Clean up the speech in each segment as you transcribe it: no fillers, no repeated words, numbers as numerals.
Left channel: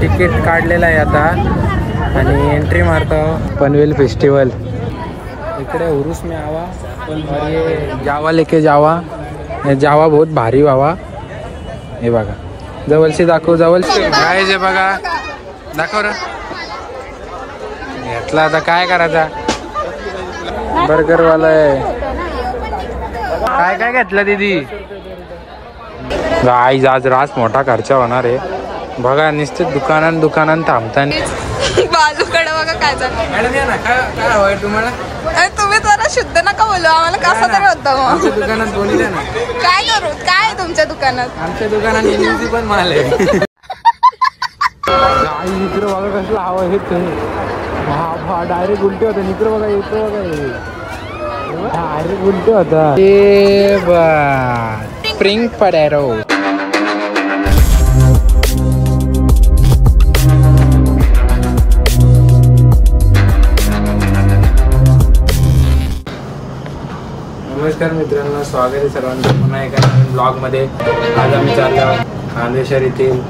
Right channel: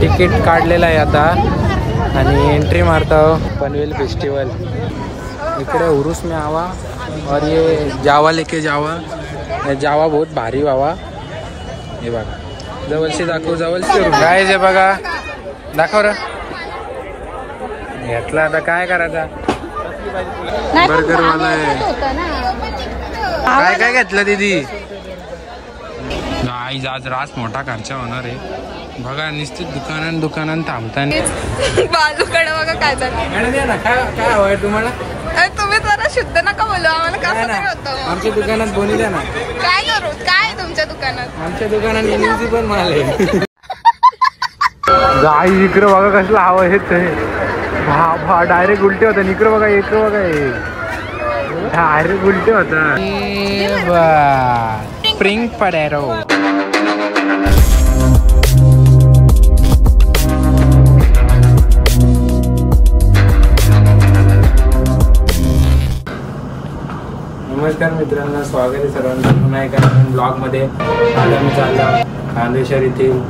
Ticket काढलेलं आहे आता आणि एंट्री मारता पनवेल फेस्टिवल। इकडे उरुस में आवा और ये जावा लेके जावा, ये जावा बहुत भारी बाबा। हे बघा जवळशी दाखव, जवळशी काय जे बघा दाखव रे। घेतला आता काय करायचा, बर्गर वाला आहे। काय काय घेतलं दीदी? गाईज आज रात मोठा खर्च होणार आहे बघा, नुसते दुकानात थांबताना। बाजूकडे बघा काय झालं। मॅडम या ना, काय हवंय तुम्हाला? तुम्ही जरा शुद्ध नका बोलू आम्हाला, कसं बोलतो? आमच्या दुकानात बोनी द्या ना। काय करू, काय तुमच्या दुकानात? आमच्या दुकानात इनिंगची पण माल आहे। गाई इकडे बघा कसला हवा येत आहे, डायरेक्ट उलटे होता। इकडे बघा, इकडे बघा, डायरेक्ट उलटे होता। स्प्रिंग पडॅरो नमस्कार मित्रांनो, स्वागत आहे सर्वांचं पुन्हा एका नवीन ब्लॉगमध्ये। आज आम्ही चाललो खांदेश्वर येथील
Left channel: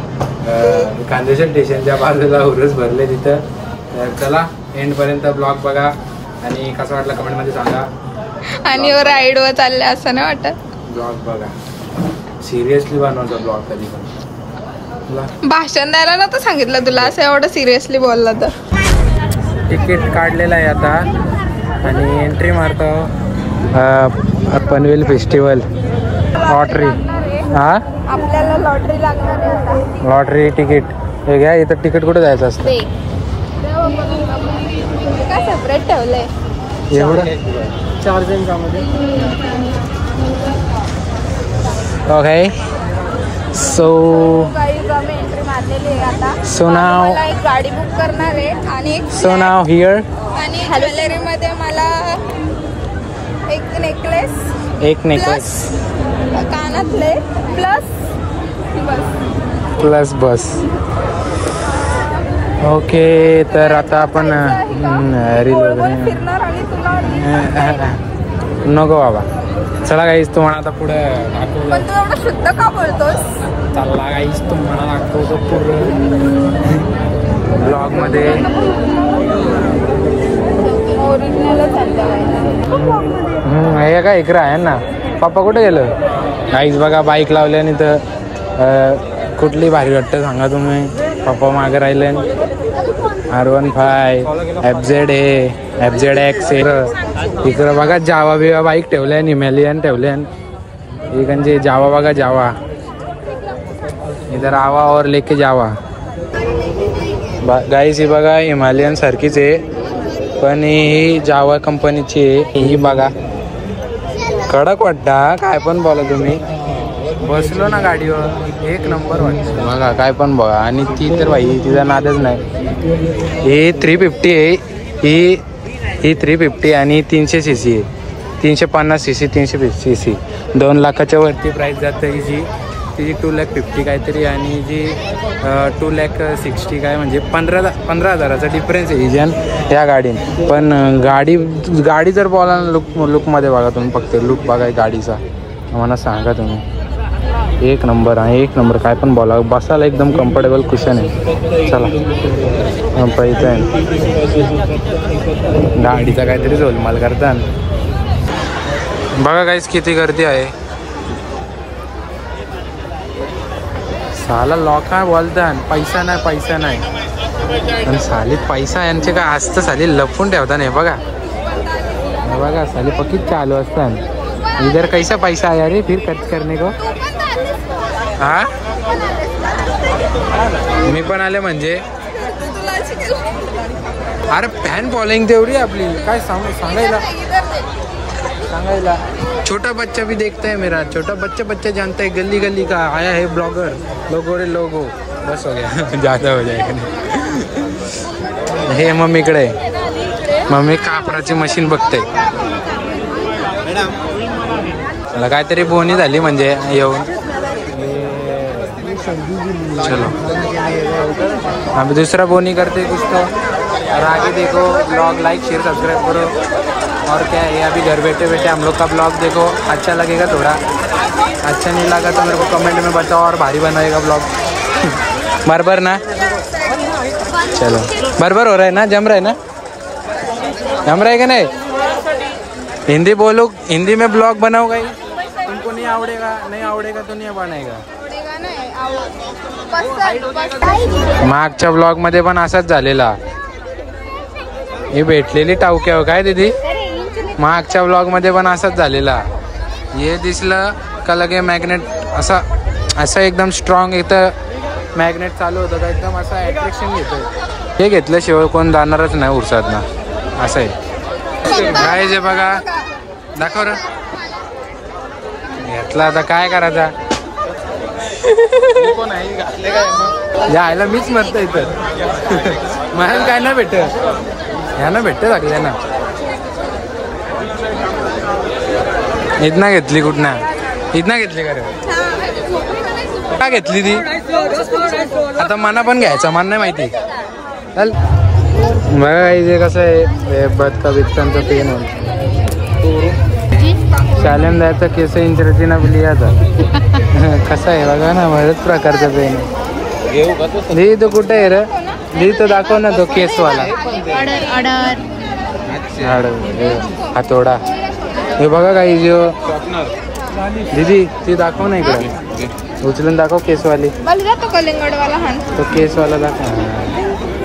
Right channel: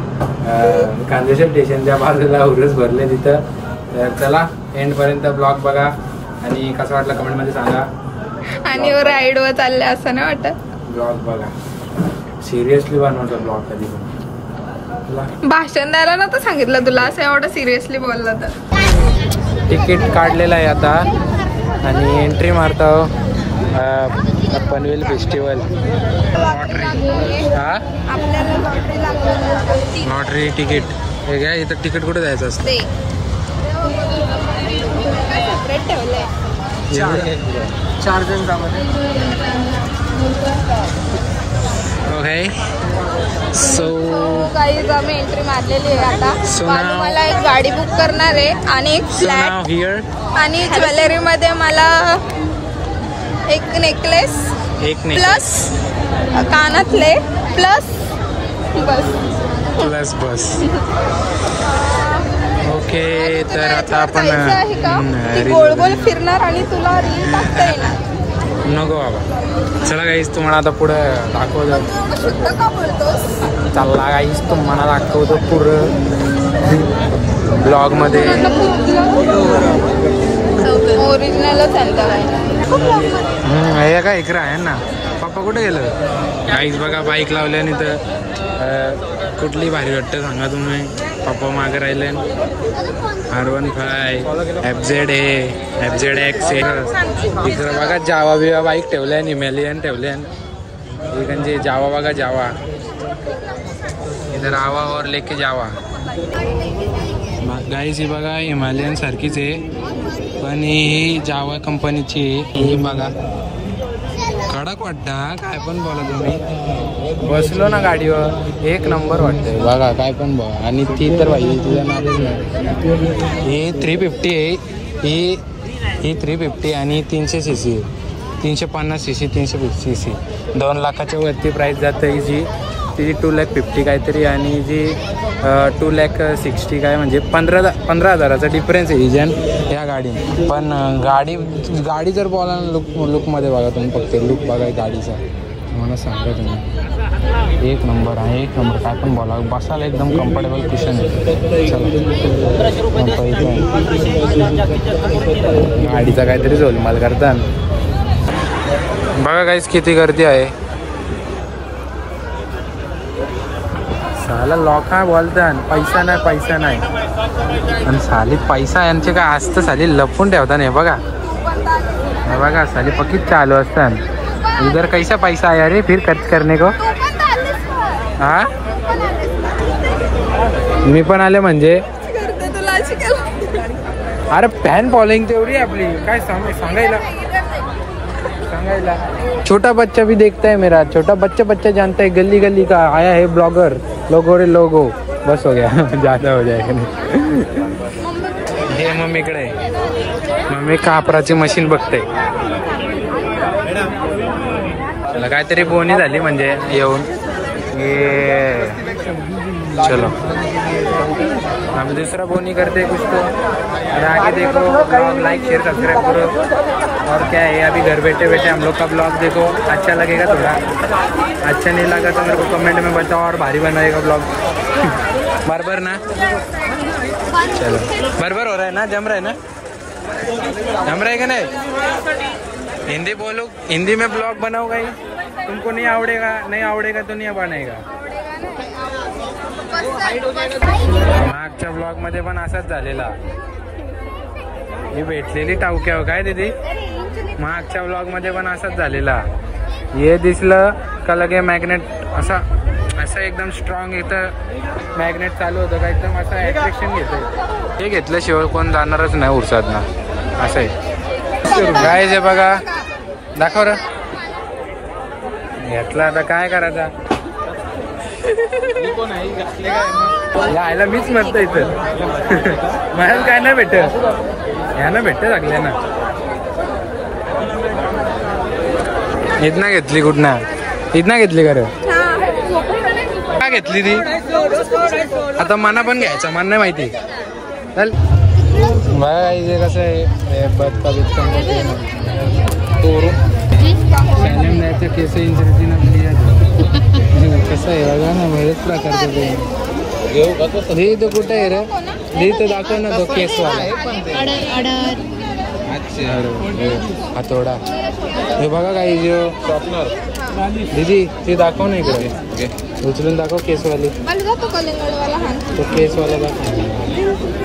खांदेश्वर स्टेशनच्या बाजूला उरुस भरले तिथं। तर चला एंड पर्यंत ब्लॉग बघा आणि कसं वाटलं कमेंटमध्ये सांगा। आणि राईड वर चालले असं नाही वाटत? ब्लॉग बघा, सिरियसली बनवतो ब्लॉग कधी पण। भाषण द्यायला नव्हतं सांगितलं तुला, असं एवढं सिरियसली बोलला तर? तिकीट काढलेलं आहे आता आणि एंट्री मारतो पनवेल फेस्टिवल लॉटरी। हा आपल्याला लॉटरी लागणार, लॉटरी तिकीट हे घ्या। इथं तिकीट कुठे जायचं असतं? सेपरेट ठेवलंय एवढं 4 जणांमध्ये। ओके सो एंट्री मारलेली आहे आता। सो नाव एक गाडी बुक करणार आहे आणि एक सो नाव हिअर आणि ज्वेलरी मध्ये मला एक नेकलेस प्लस कानातले प्लस बस। ओके तर आता आपण रील वगैरे फिरणार आणि तुला नको बाबा। चला गाईस तुम्हाला आता पुढे दाखवतो। शुद्ध का बोलतोस? चला गाईस तुम्हाला दाखवतो पुढं ब्लॉग मध्ये। हे काय इकडे आहे ना, पप्पा कुठे गेलं? गाईस बघा बाईक लावल्याने तर कुठली भारी वाटतं सांगा तुम्ही? पप्पा मागे राहिले। R15 FZ FZX इकडं बघा जावा बिवा बाईक ठेवल्यान, हिमालयन ठेवल्यान इकडे जावा बघा, जावा इधर आवा और लेके जावा। गाईस ही बघा हिमालयन सारखीच आहे पण ही जावा कंपनीची आहे। ही बघा कडक वाटता, काय पण बोला तुम्ही। बसलो ना गाडीवर एक नंबर वाटते बघा, काय पण बघा। आणि ती तर भाई तिचा नादच नाही। ही 350 आहे, ही 350 आणि 300 cc आहे, 350 cc 350 cc 2 लाखाच्या वरती प्राइस जाते हिची। तिची 2,50,000 काहीतरी आणि जी 2,60,000 काय म्हणजे 15,000चा डिफरन्स आहे हिजन या गाडीने। पण गाडी जर बोला लुकमध्ये बघा तुम्ही, फक्त लुक बघा गाडीचा, मला सांगा तुम्ही एक नंबर आहे, एक नंबर। काय पण बोला, बसायला एकदम कम्फर्टेबल कुशन आहे। चला गाडीचा काहीतरी झोलमाल करता बघा गाईस किती गर्दी आहे। साला लोक बोलतात पैसा नाही आणि साली पैसा यांचे काय असतं, साली लपून ठेवता नाही बघा। बघा साली पक्कीच चालू असतात। इधर कैसा पैसा आया रे फिर खर्च करने को? हा मी पण आले म्हणजे, अरे फॅन फॉलोइंग तेवढी आपली काय सांगायला। छोटा बच्चा भी देखता है मेरा, छोटा बच्चा जानता है, गली गली का आया है ब्लॉगर, लोगो बस हो गया ज्यादा हो जाएगा नहीं। हे मम्मीकडे, मम्मी कापराची मशीन बघते। चला काहीतरी बोनी झाली म्हणजे येऊन चलो अभी दूसरा बोनी करते कुछ तो। और आगे देखो ब्लॉग लाइक शेयर सब्सक्राइब करो। और क्या है, अभी घर बैठे बैठे हम लोग का ब्लॉग देखो, अच्छा लगेगा थोड़ा, अच्छा नहीं लगा तो मेरे को कमेंट में बताओ और भारी बनाएगा ब्लॉग बराबर ना। चलो बराबर हो रहा है ना, जम रहा है ना, जम रहा है कि नहीं? हिंदी बोलो, हिंदी में ब्लॉग बनाओगे, तुमको नहीं आवडेगा तो नहीं बनाएगा. मागच्या ब्लॉग मध्ये पण असाच झालेला. ही भेटलेली टावक्या काय दीदी, मागच्या ब्लॉग मध्ये पण असाच झालेला. हे दिसलं का लगे मॅग्नेट असं एकदम स्ट्रॉंग इथं मॅग्नेट चालू होतं का एकदम असं अट्रॅक्शन घेतं. हे घेतल्याशिवाय कोण जाणारच नाही उरसात ना, असं आहे. काय जे बघा दाखव र, घेतला आता काय करायचा. यायला मीच म्हणतो इथं मला काय नाही भेट, ह्यानं भेटत लागली ना. इथना घेतली कुठना, इथना घेतली का रे, काय घेतली ती आता मना पण घ्यायचा, मन नाही माहिती. चल बघा इथे कसं आहे बदका बिदकांचं पेन शालेम द्यायचा केस इंचरतीनं लिहायचा. कसं आहे बघा ना, बरेच प्रकारचं पेन. लिही तो कुठे आहे रे, लिही तो दाखव ना तो केसवाला. हातोडा हे बघा काही जो दीदी ती दाखव ना इकडे, उचलून दाखव केसवाली. तो केसवाला दाखव.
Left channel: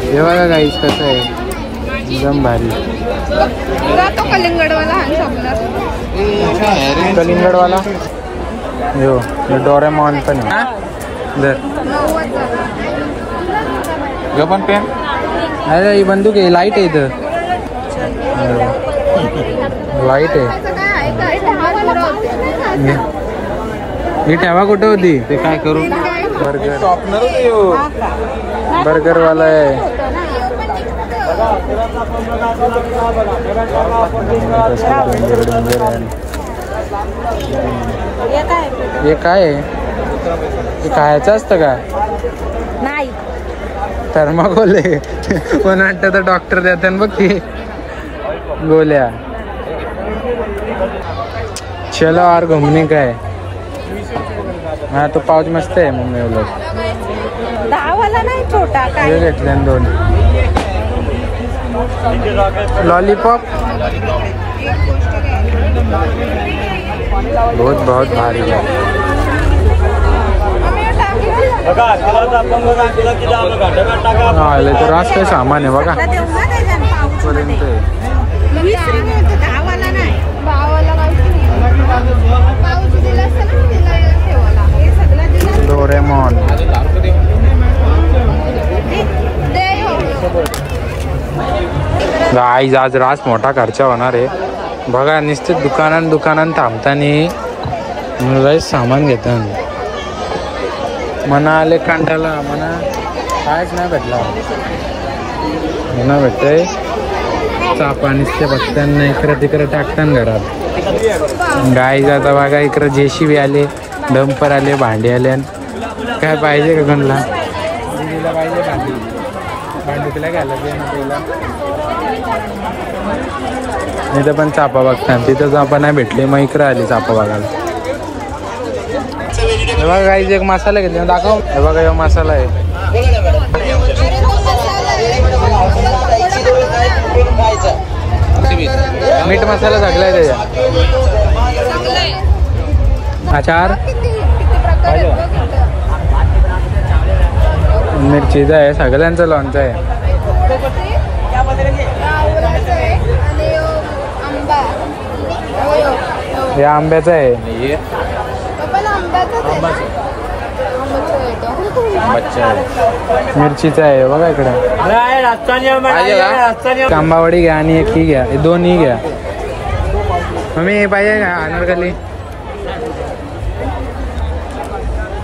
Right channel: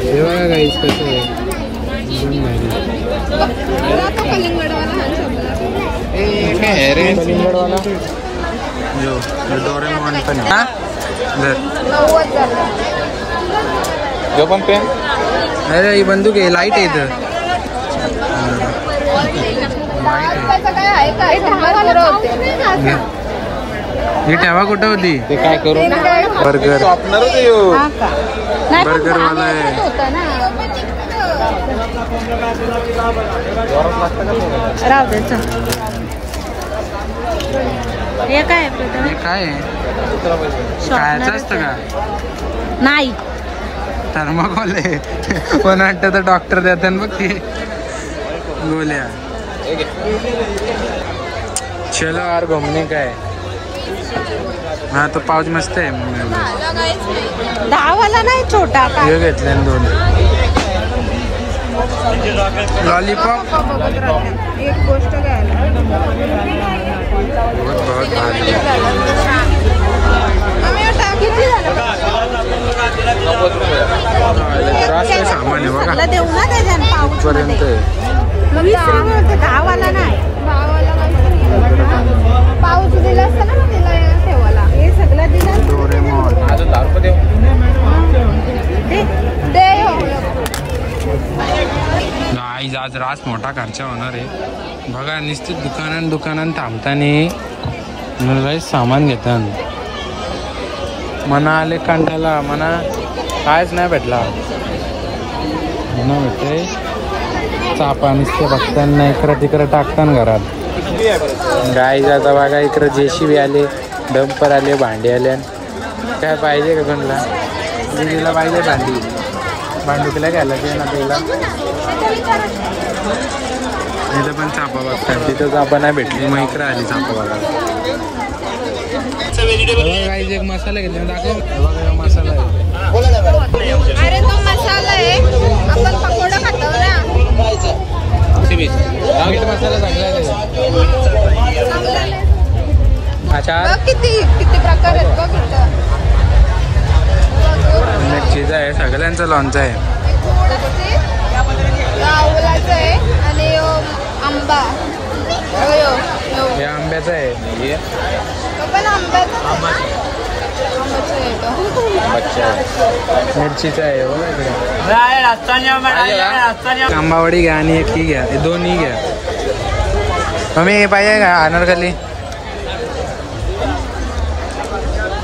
हे बघा गाईस कसं आहे एकदम भारी. कलिंगडवाला जो डोरेमॉन पण आहे. जर पण पेन अरे ही बंदूक आहे, लाईट आहे इथं, वाईट आहे. ही ठेवा कुठं होती ते काय करू. बर्गर वाला आहे. हे काय आहे, खायचं असतं का नाही. थर्माकोल आहे. पण वाटतं तर डॉक्टर देतात बघ ती गोल्या. चलो और घुमनी का है. हाँ तो पाउच मस्त आहे मम्मी एवढं. हे घेतले 2 लॉलीपॉप. बहुत भारी है. हाँ ये तो रास्ते सामान आहे बघा पर्यंत. डोरेमॉन गाईज आज रास मोठा खर्च होणार आहे बघा. नुसते दुकानात थांबतानी मला सामान घेतात. मना आले कंटाला, मना कायच नाही भेटला. मना भेटतंय चापा नुसते बघताना इकडं तिकडं टाकताना घरात. गाईज आता बघा इकडं JCB आले, डंपर आले, भांडी आले. काय पाहिजे का कोणला, दिदीला पाहिजे भांडुकीला घ्यायला ते ना पहिला. इथं पण चापा बघतात, तिथं चापा नाही भेटले मग इकडं आले चापा बघायला. बघा गाईज एक मसाला घेतला दाखव. बघा हा मसाला आहे. मीठ मसाला टाकलाय त्याच्या. अचार मिरचीचा आहे, सगळ्यांचं लोणचं आहे. हे आंब्याचं आहे. मिरचीचा आहे बघा इकडं. आंबावडी घ्या आणि एक ही घ्या, 2 घ्या. मम्मी हे पाहिजे का अनारकली.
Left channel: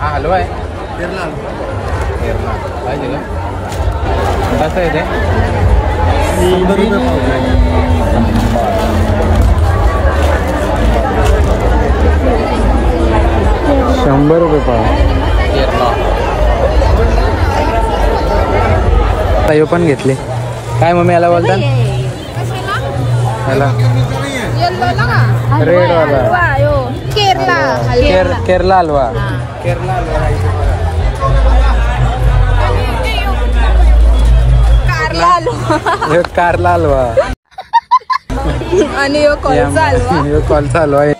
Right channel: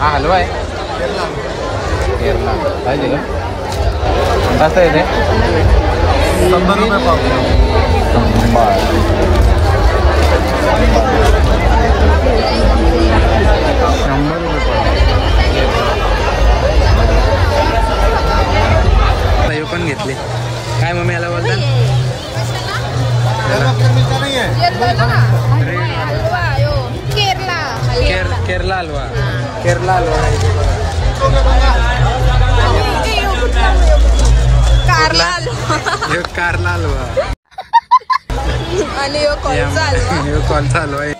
हॅलो आहे पाहिजे का कसं आहे ते. 100 रुपये पाव. 100 रुपये पाव. हे पण घेतले. काय मम्मी याला बोलतात, याला रेड वाला केरला हलवा. केरला हलवा खायचे बघा. ह्यो कारला हलवा आणि ह्यो कॉल चालू आहे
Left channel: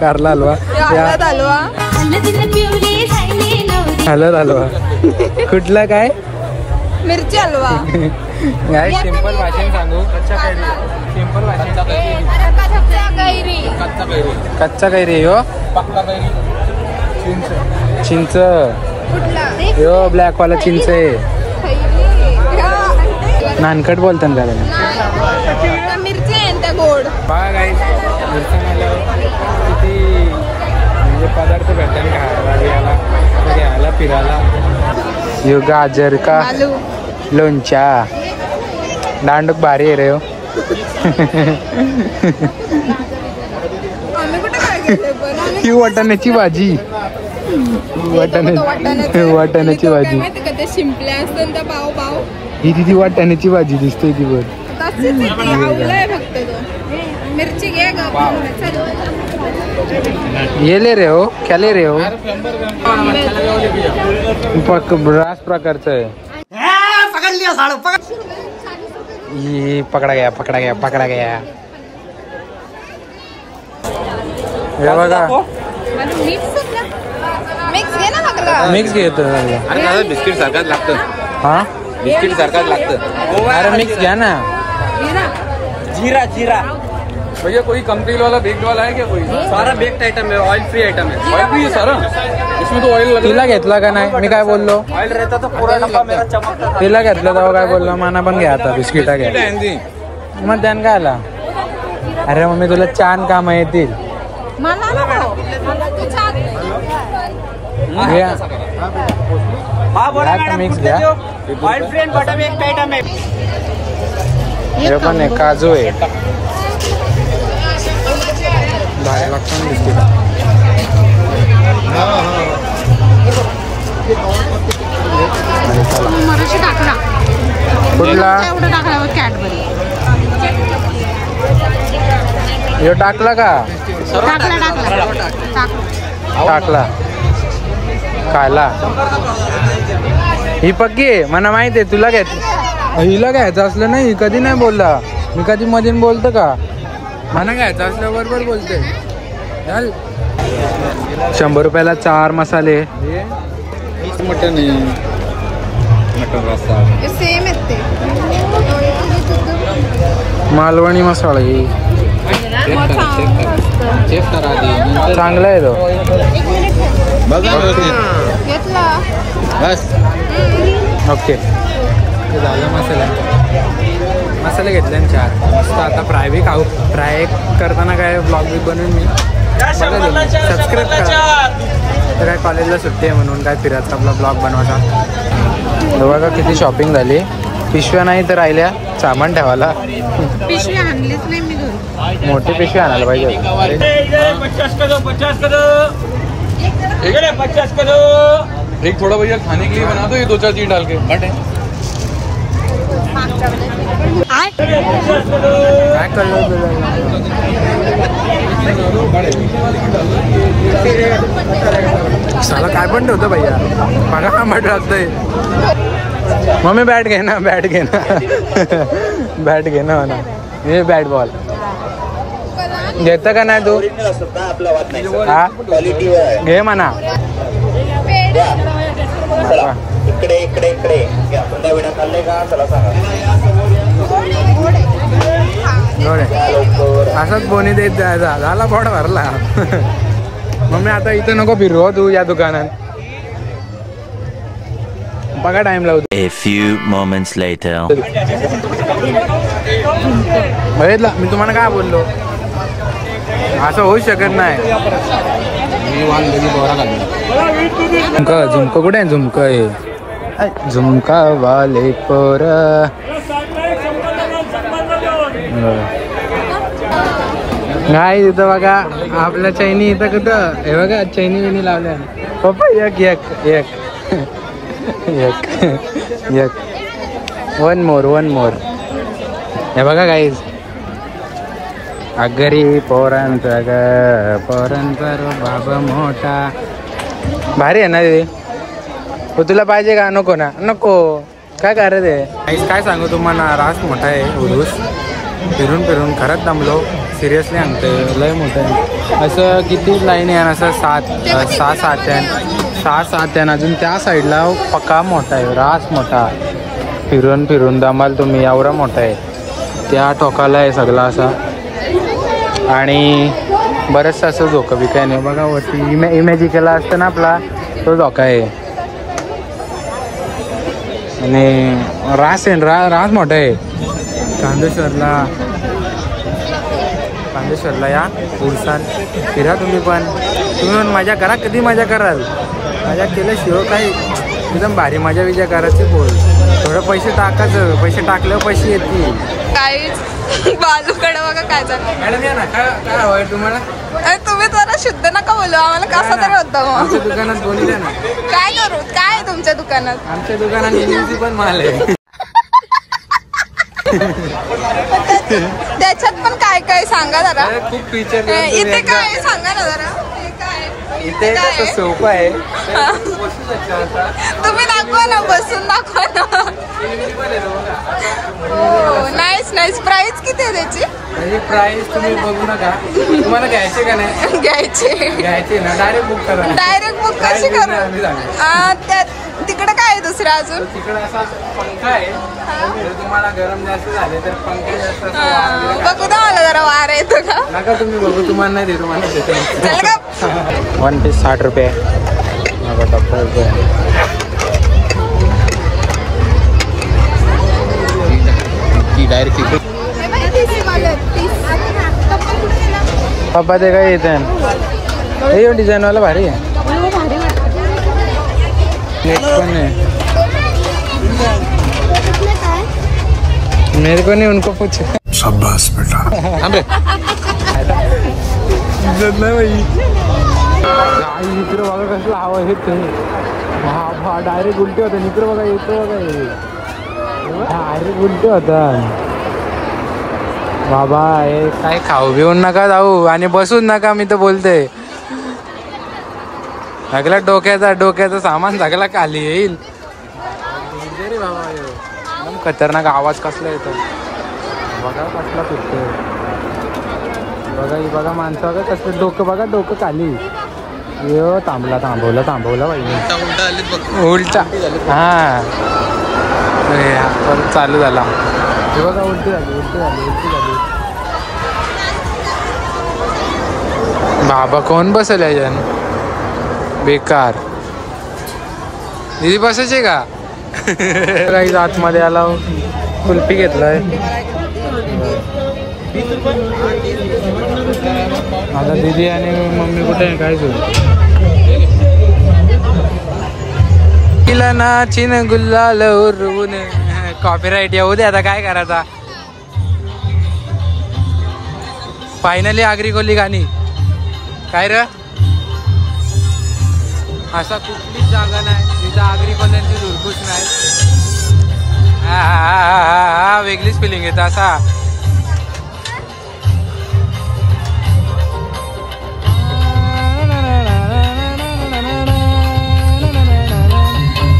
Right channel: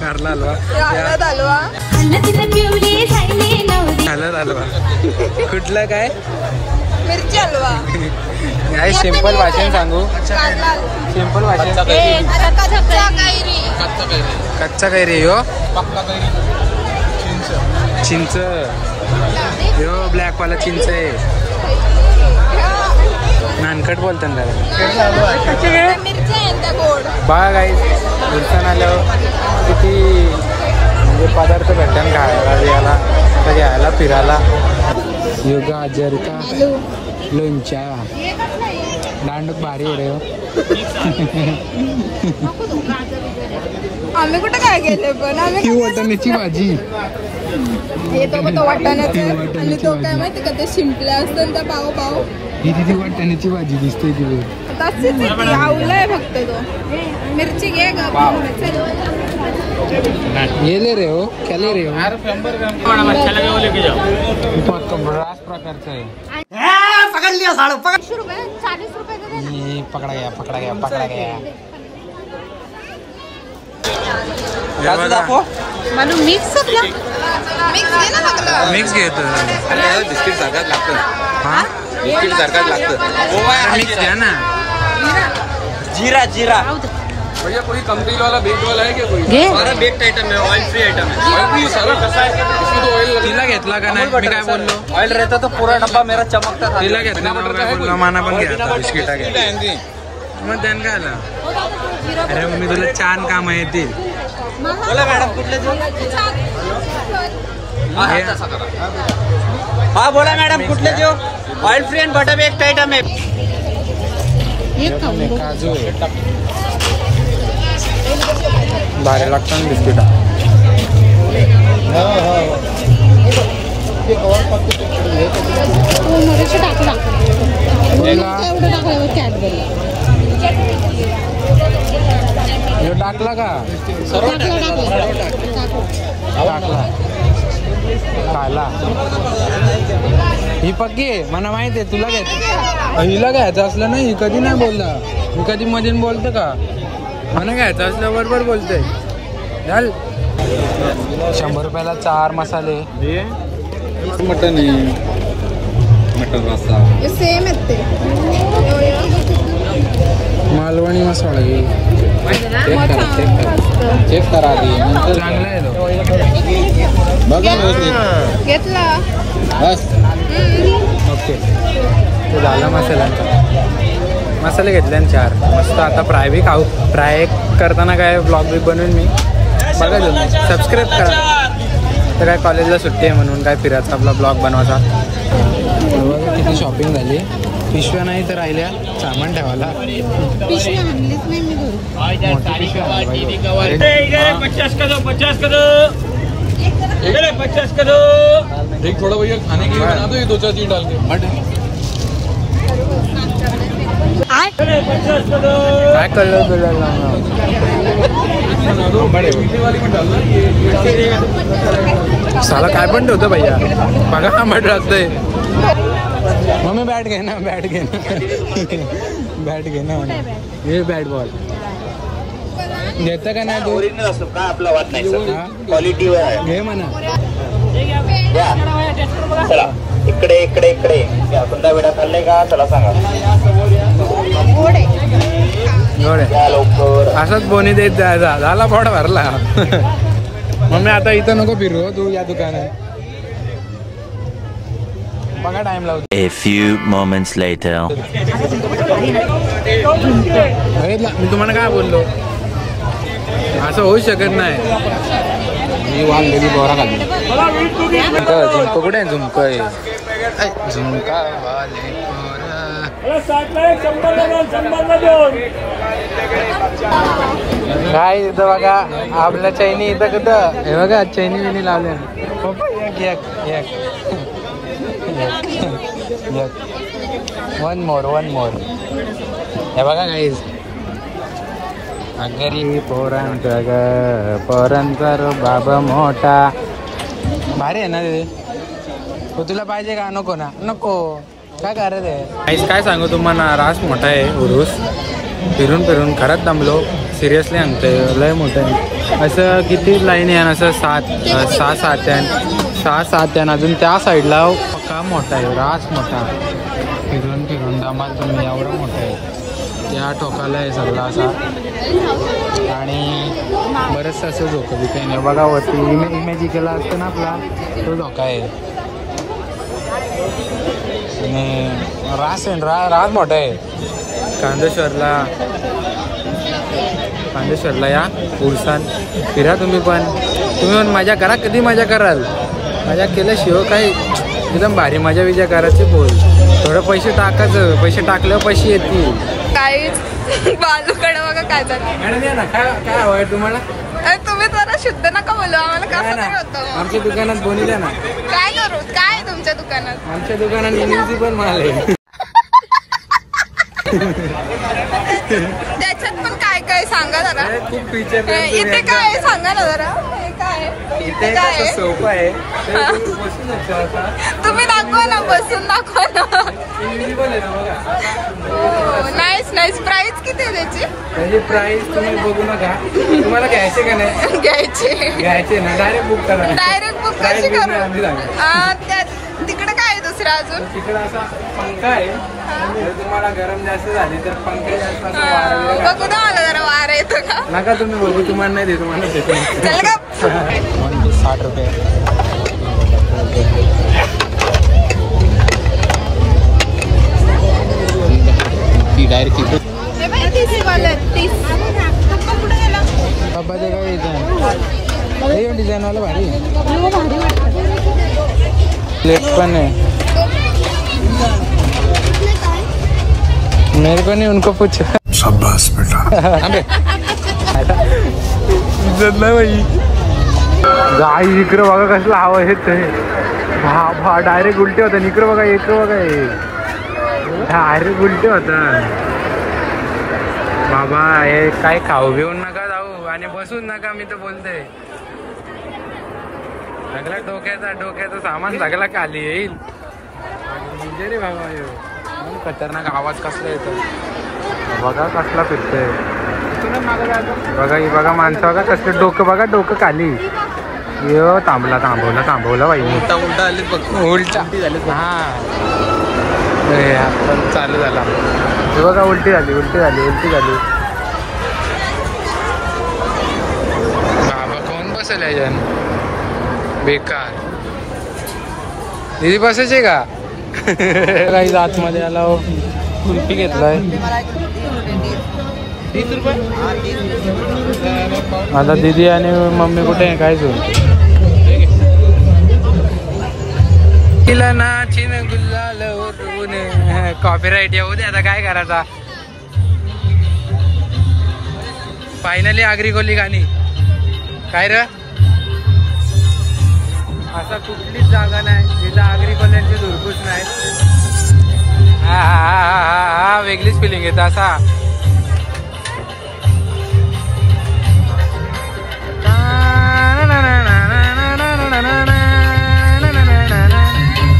कारला हलवा हलत हलवा कुठला काय मिरची हलवा नाही सिंपल भाषेत सांगू सिंपल भाषेत कच्चा कैरी हो चिंच यो ब्लॅक वाला चिंच आहे नानकट बोलतात त्याला बघा काही उरसान आल्यावर किती म्हणजे पदार्थ भेटतात खायला बियाला घ्यायला फिरायला यो गाजर का लोणच्या दांडूक भारी आहे रे हो आम्ही कुठे काय गेले पण ही वाटाण्याची भाजी वाटाण्याची भाजी माहिती का ते शिंपले असतात त्या पाव पाव ही तिथे वाटाण्याची भाजी दिसते ती वर आवलाय फक्त तो मिरची घे येले रे हो केले रे हो रास प्रकारचं आहे पकडा गया हे बघा मिक्स घेतो बिस्किट सारखाच लागतं हा बिस्किट सारखाच लागतं अरे मिक्स घ्या ना जीरा जीरा भैया कोई कंपनी वाला बेक वाला है क्या कोई सारा बेक्ड आइटम है ऑयल फ्री आइटम है फ्री सर इसमें तो ऑयल तिला घेतला का नाही मी काय बोललो ऑयल रहता तो पूरा डब्बा मेरा चमकता था तिला घेतलं तेव्हा काय बोललो माना पण घ्या आता बिस्किटा घ्या मग त्यान काय आला अरे मम्मी तुला छान काम येतील बोला मॅडम कुठले हाँ बोला मैडम कुठले जो oil free end butter baked item है हे पण आहे काजू आहे भारी लागतं बिस्किटा हे टाकला का टाकला खायला ही पक्की आहे मला माहिती आहे तुला हिला घ्यायचं असलं नाही कधी नाही बोलला मी कधी मधून बोलतो का मला घ्यायचं असलं बरोबर बोलते चल 100 रुपयाला 4 मसाले मटन आहे मटन रस्सा सेम मालवणी मसाला चेक करा आधी चांगला आहे तो बघा घेतला बस ओके झाला मसाले घेतले 4 मस्त आता फ्राय बी खाऊ फ्राय करताना काय ब्लॉग बी बनवून मी बघा तुम्ही सबस्क्राईब करा तर काय कॉलेजला सुट्टी आहे म्हणून काय फिरायचा आपला ब्लॉग बनवायचा बघा किती शॉपिंग झाली पिशव्या नाही तर राहिल्या सामान ठेवायला पिशवी आणलीच नाही मी घरी मोठी पिशवी आणायला पाहिजे 50 का दो 50 का दो 50 का दो एक थोड़ा भैया खाने के लिए बना दो ये 2-4 चीज डाल के काय कलर साला काय पण ठेवतं भैया बघा मट लागतंय मम्मी बॅट घे ना बॅट घे ना म्हणा हे बॅट बॉल घेतं का नाही तू हा घे म्हणा इकडे इकडे इकडे पुन्हा वेळा खाल्ले का चला सांगा गोडे असंच बोनी देत जायचा झाला पोट भरला मम्मी आता इथं नको फिरू तू या दुकानात बघा टाइम लावतो A few moments later. बघितला मी तुम्हाला काय बोललो असं होऊ शकत नाही मी वाल गेली बोरा खाली झुमकं कुठे झुमकं झुमका वाले पोरा नाही इथं बघा आपल्या चैनी इथं कुठं हे बघा चैनी बिनी लावल्या पप्पा एक वन मोर हे बघा गाईज अगरी पोरांचा ग पोरांचा बाबा मोठा भारी आहे ना रे तुला पाहिजे का नको ना नको काय करत आहे काय सांगू तुम्हाला. रास मोठा आहे उरूस. फिरून फिरून खरंच दमलो. सिरियसली सांगतोय लय मोठं आहे. असं किती लाईन आहे असं 6-7 आहे. अजून त्या साईडला पक्का मोठा आहे. रास मोठा. फिरून फिरून दमाल तुम्ही. एवढा मोठा आहे. त्या टोकाला आहे सगळं असं. आणि बरंचसं असं धोकं बी काय नाही बघा. वरती इमॅजिकला असतं ना आपला तो धोका आहे. आणि रास आहे. रास मोठा आहे. कांदेश्वरला या उरसान फिरा तुम्ही पण मजा करा. कधी मजा कराल. मजा केल्याशिवाय काही एकदम भारी मजा विजा करायची बोल. थोडं पैसे टाकायचं. पैसे टाकल्यावर पैसे येतील. काहीच बालूकडे बघा काय झालं. मॅडम या ना. काय हवंय तुम्हाला. तुम्ही जरा शुद्ध नका बोलू आम्हाला. कसं म्हणतो आमच्या दुकानात बोनी द्या ना. काय करू. काय तुमच्या दुकानात. आमच्या दुकानात इनिंगची पण माल आहे. त्याच्यात पण काय काय सांगा जरा. खूप फीचर. इथे काय सांगा ना जरा. इथे काय सोपं आहे. तुम्ही दाखवा ना. बसून दाखवा ना. हो नाईस. प्राइस किती आहे त्याची प्राइस तुम्ही बघू नका. तुम्हाला घ्यायचे का नाही. घ्यायचे ना. डायरेक्ट बुक करा. डायरेक्ट बुक कशी करू. तिकडे काय आहे दुसरं अजून. तिकडे असा पंखा आहे. तुम्हाला गरम जास्त झाले तर पंखा बघू द्या मला जरा. वारा येतो का नका तुम्ही बघू. तुम्हाला नाही देतो मला. 60 रुपये. डायरेक्ट पप्पा ते काय येते. हे डिझाईन वाला भारी आहे. पण है मेरे को नहीं उनको पूछ. शाबाश बेटा. भाई गाई इकडं बघा कसला हवा येत. हा डायरेक्ट उलटे होतं. इकडं बघा. इकडं बघा. डायरेक्ट उलटे होतं. बाबा हे काय खाऊ घेऊन नका जाऊ आणि बसून नका. मी तर बोलते सगळ्या डोक्याचं सामान सगळा खाली येईल. रे बाबा खतरनाक आवाज कसला येतो. बघा कसला फिरतोय. बघा माणसं बघा कसलं. डोकं बघा. डोकं खाली. यो थांबवला बाई. उलटा. हा पण चालू झाला. हे बघा उलटी झाली. बाबा कोण बसेल याच्यान. बेकार. दीदी बसायचे का. काही आतमध्ये आला. कुल्फी घेतलाय. आता दीदी आणि मम्मी कुठे आहे काय सुरू. तिला नाचिन गुल्लाल उरवून. कॉपीराईट येऊ दे. आता काय करायचा. फायनली आगरी कोली गाणी. काय र असा कुठलीच जागा नाही जिथं आगरी कोल्यांची धुरकूस नाही. हा वेगळीच फिलिंग येते असा.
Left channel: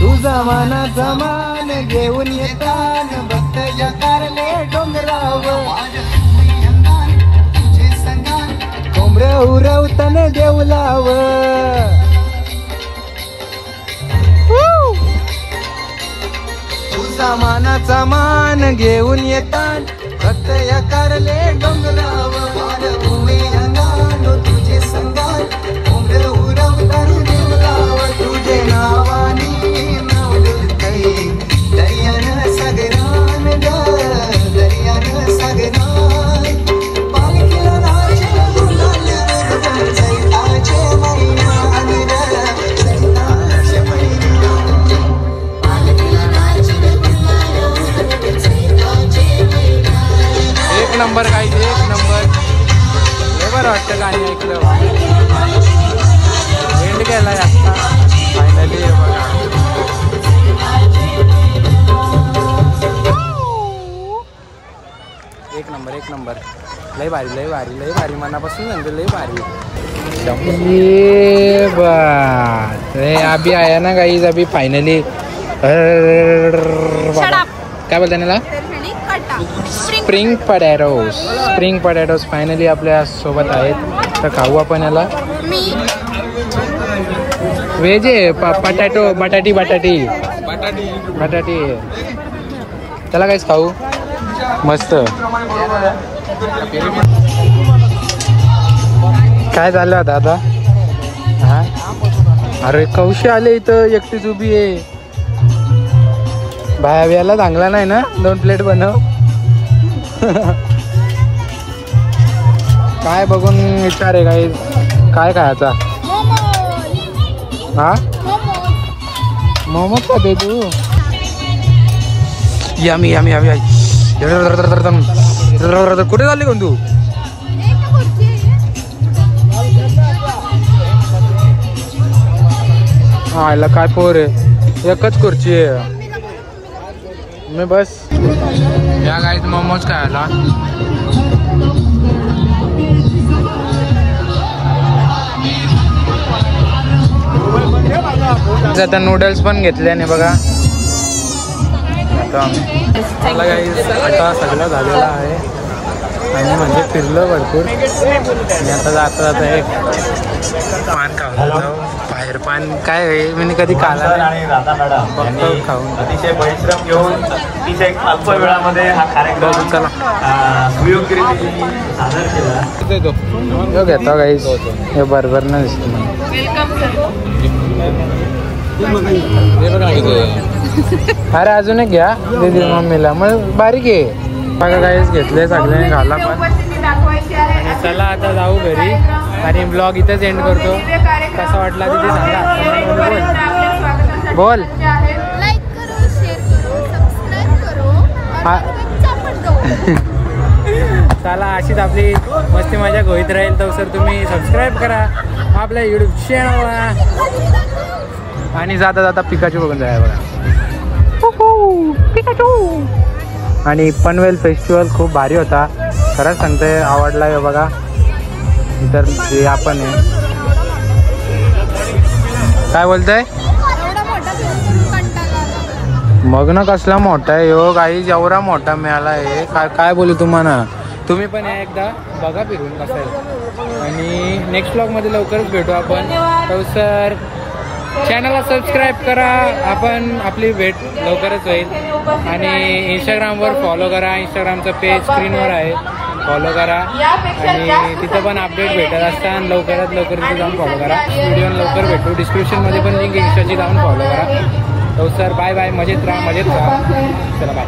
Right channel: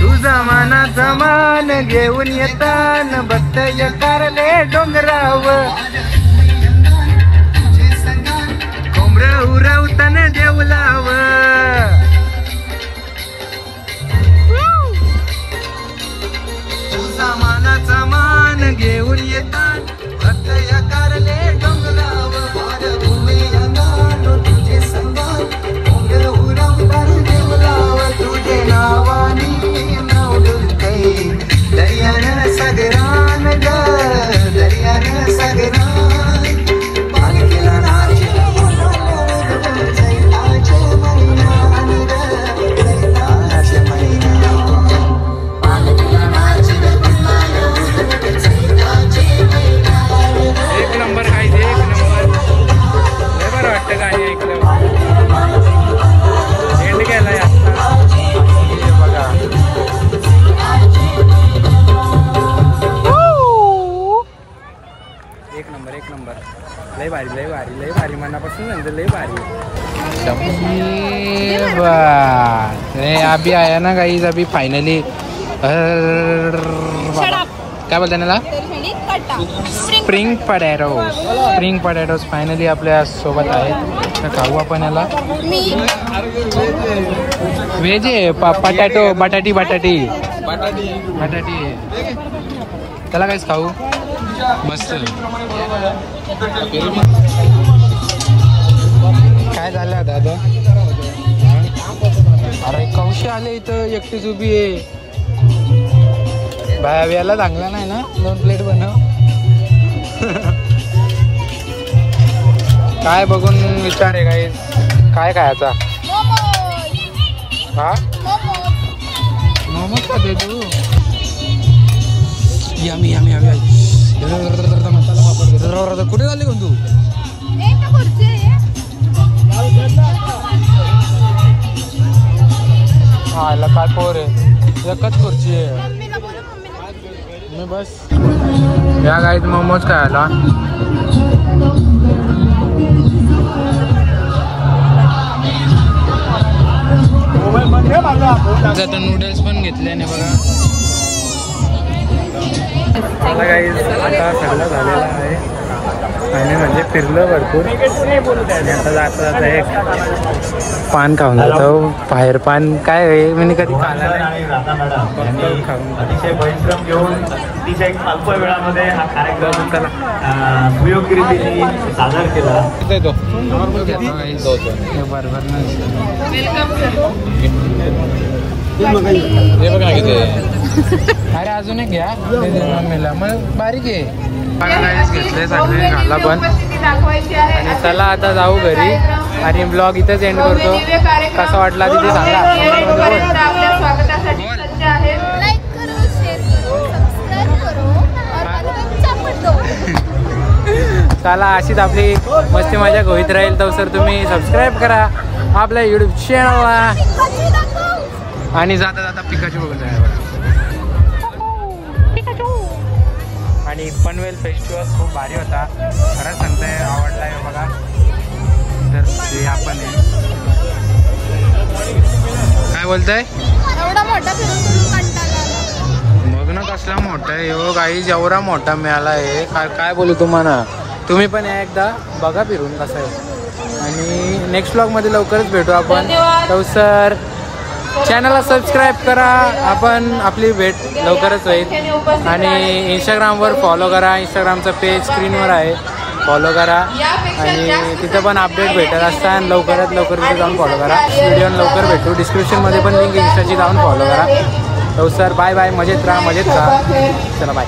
तुझा मानाचा मान घेऊन येतान बत्त कारले डोंगराव. कोंबड उरवताना देवलाव. तुझा मानाचा मान घेऊन येतान बत्त कारले डोंगराव. तुझे संगान कोंबड उरवताना देवलाव. तुझे नावानी दर्यान सगरान दर्यान सगरान पालखीला एक नंबर काय. एक नंबर. हे बरं वाटतं गाणी ऐकलं. एंड केलाय आता फायनली. बघा एक नंबर. लय भारी मनापासून सांगते. लय भारी. ये बा अभी आया ना गाइस. अभी फाइनली बाबा काय बोलते त्याला स्प्रिंग पटॅटोज फायनली आपल्या सोबत आहेत. तर खाऊ आपण याला. व्हेज आहे पटॅटो बटाटी त्याला काहीच खाऊ. मस्त. काय झालं आता हा अरे कौशी आले इथं एकटीच उभी आहे. भाव्याला चांगला नाही ना 2 प्लेट बनव. काय बघून विचार आहे काय खायचा. हा मोमोज खाते तू. यमी कुठे चालली कोण तू. काय तो रे एकच खुर्ची आहे. मी बस या गाईत मोमोज खायला. आता नूडल्स पण घेतले आणि बघा चला गाईज आता सगळं झालेलं आहे. आम्ही म्हणजे फिरलो भरपूर आणि आता जाता एक पान खाऊन जातो. बाहेर पान काय आहे मी कधी खाल्ला नाही फक्त खाऊन बघू. चला घेतो गाईज हे बरोबर नाही. अरे अजून एक घ्या मम्मीला मग बारीक आहे. बघा काहीच घेतले सगळ्यांनी घाला पण. आणि चला आता जाऊ घरी आणि ब्लॉग इथंच एंड करतो. कसा वाटला तिथे सांगा कमेंट मध्ये. बोल लाईक करो, शेअर करो, सबस्क्राईब करो और चापट दो. चला अशीच आपली मस्ती मजा होईत राहील. तर सर तुम्ही सबस्क्राईब करा आपल्या युट्यूब चॅनलला. आणि जाता जाता पिकाचू बघून जाय बघा. आणि पनवेल फेस्टिवल खूप भारी होता खरंच सांगते. आवडला आहे बघा. तर ते आपण आहे काय बोलताय. एवढा मोठा फिरून कंटाळा आला. मग ना कसला मोठा आहे हो गाईज. एवढा मोठा मिळाला आहे काय बोलू तुम्हाला. तुम्ही पण या एकदा बघा फिरून कसं आहे. आणि नेक्स्ट ब्लॉग मध्ये लवकरच भेटू आपण. तर सर चॅनलला सबस्क्राईब करा. आपण आपली भेट लवकरच होईल. आणि इंस्टाग्रामवर फॉलो करा. इंस्टाग्रामचं पेज स्क्रीनवर आहे फॉलो करा. आणि तिथं पण अपडेट भेटत असतात. आणि लवकरात लवकर तिथे जाऊन फॉलो करा. व्हिडिओ लवकर भेटू. डिस्क्रिप्शनमध्ये पण लिंक इंस्टाची जाऊन फॉलो करा. तर सर बाय बाय. मजेत राहा मजेत राहा. चला बाय.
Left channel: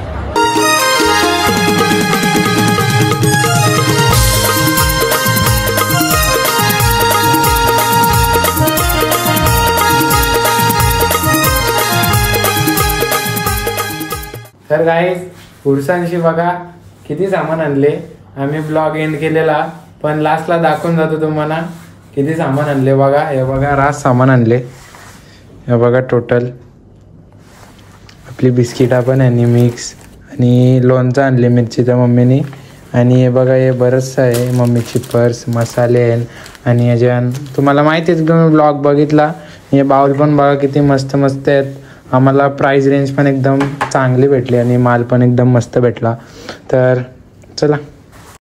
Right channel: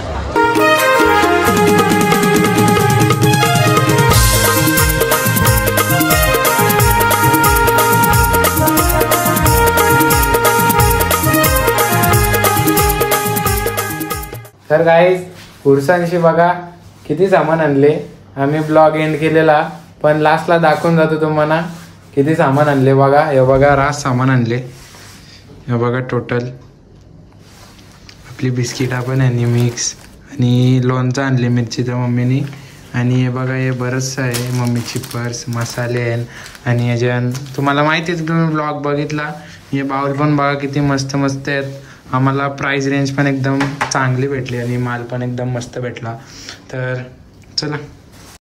तर गाईज पुरुषांशी बघा किती सामान आणले. आम्ही ब्लॉग एंड केलेला पण लास्टला दाखवून जातो तुम्हाला किती सामान आणले. बघा हे बघा रास सामान आणले. हे बघा टोटल आपली बिस्किटा पण यांनी मिक्स. आणि लोणचं आणले मिरचीच्या मम्मीनी. आणि हे बघा हे बरंचसं आहे. मम्मीची पर्स मसाले आहे. आणि याच्या तुम्हाला माहिती आहे तुम्ही ब्लॉग बघितला. हे बाउल पण बघा किती मस्त मस्त आहेत. आम्हाला प्राइस रेंज पण एकदम चांगली भेटली आणि माल पण एकदम मस्त भेटला. तर चला